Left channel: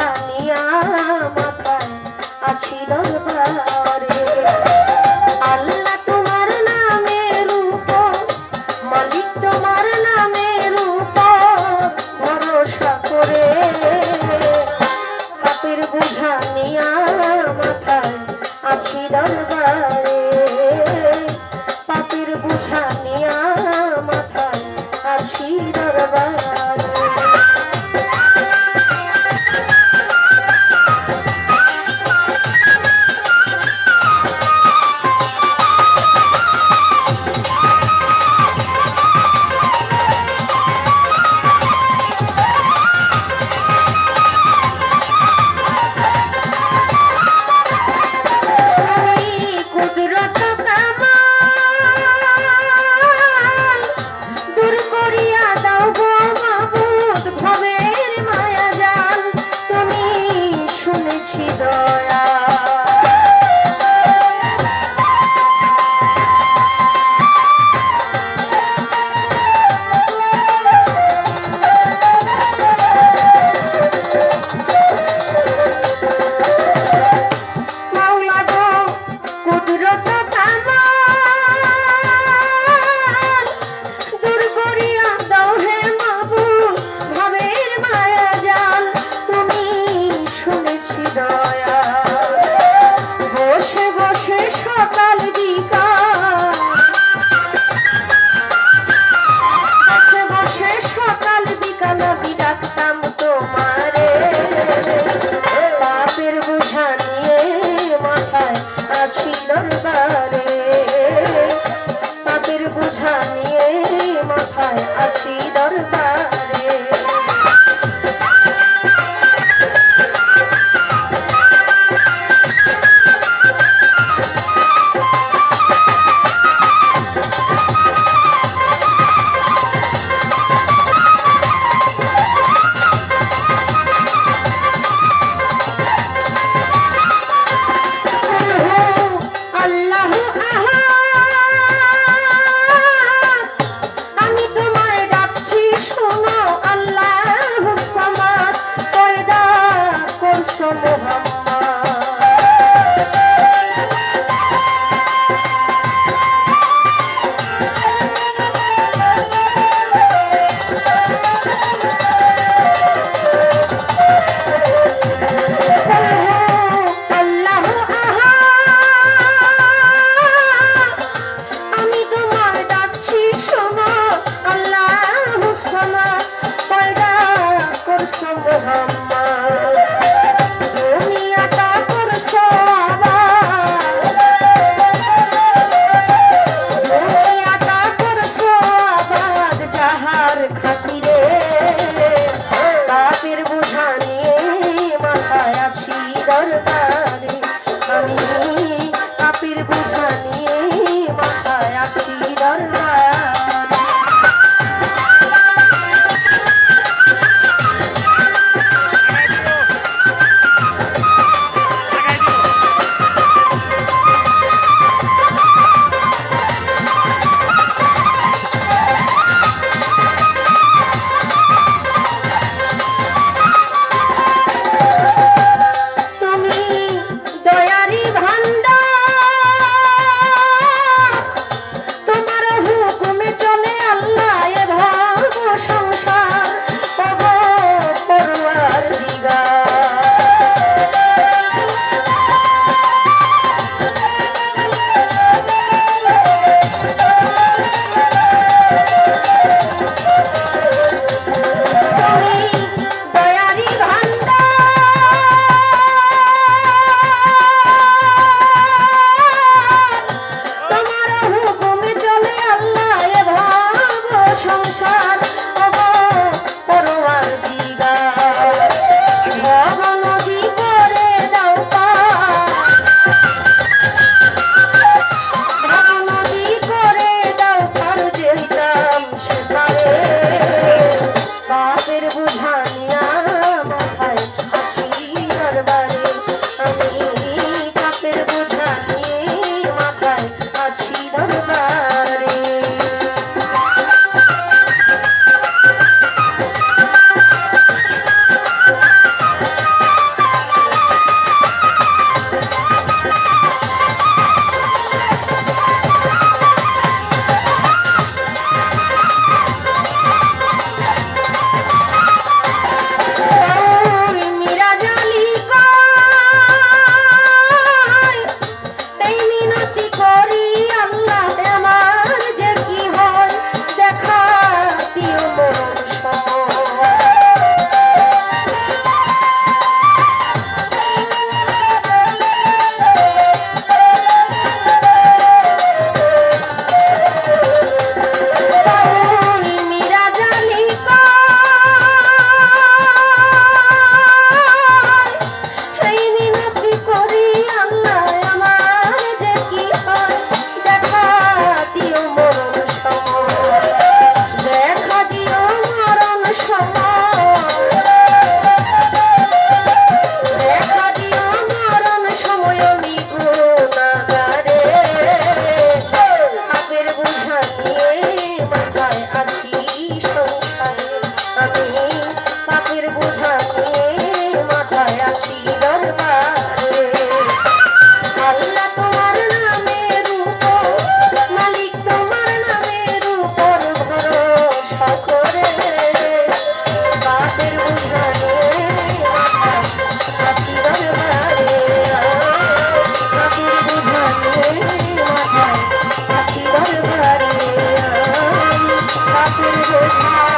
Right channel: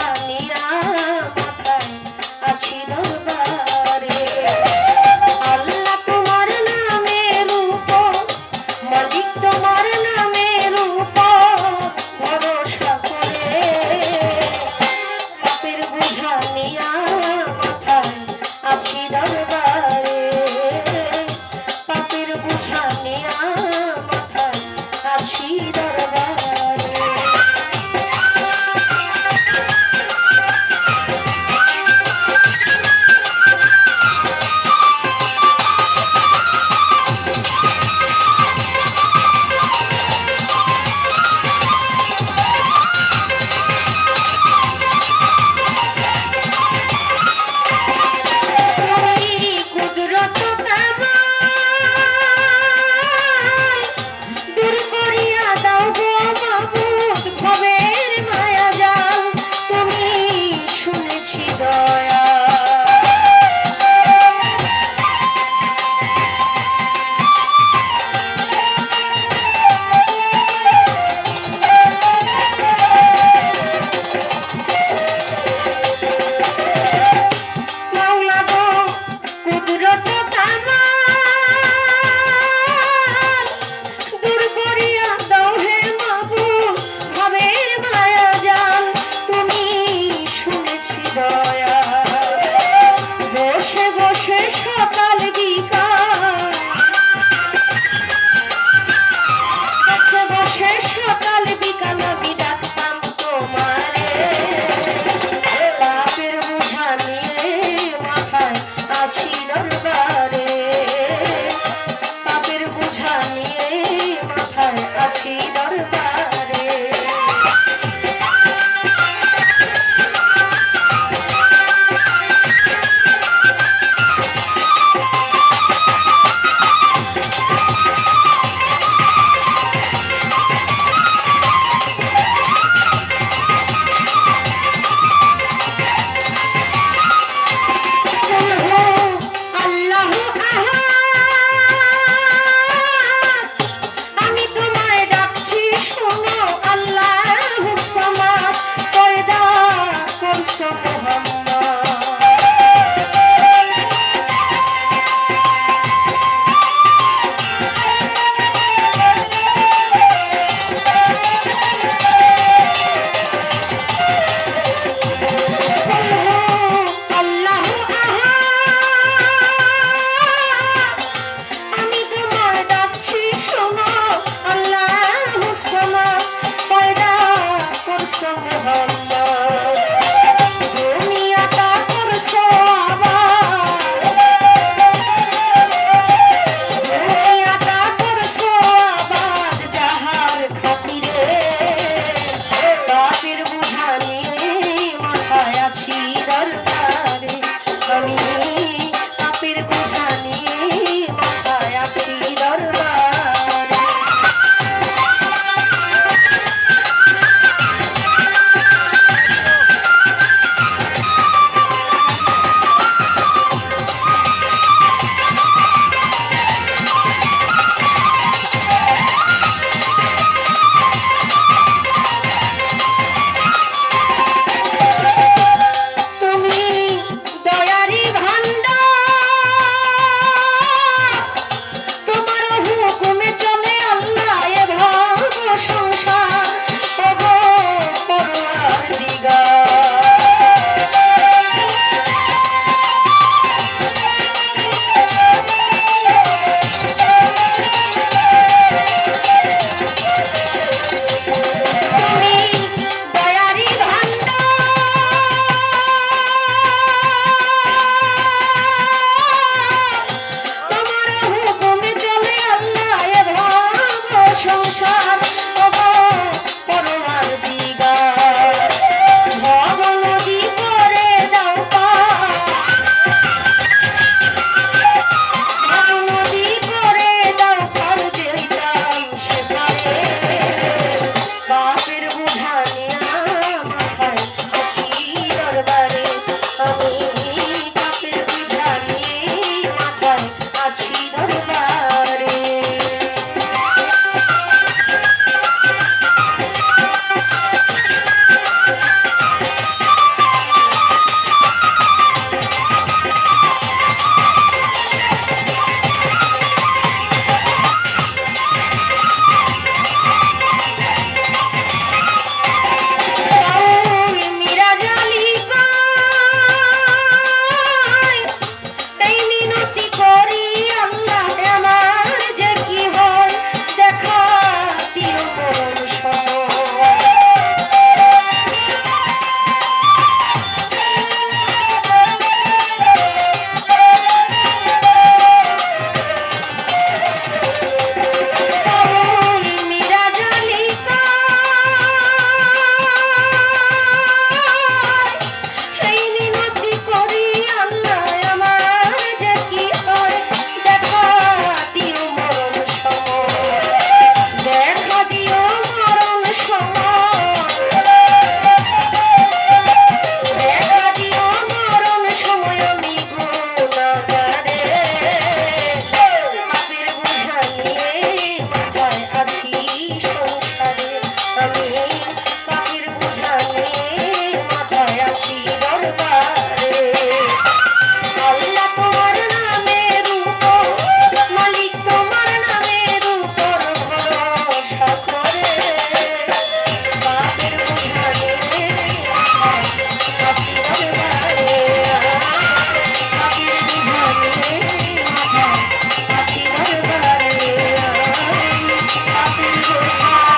ধারা Thank you.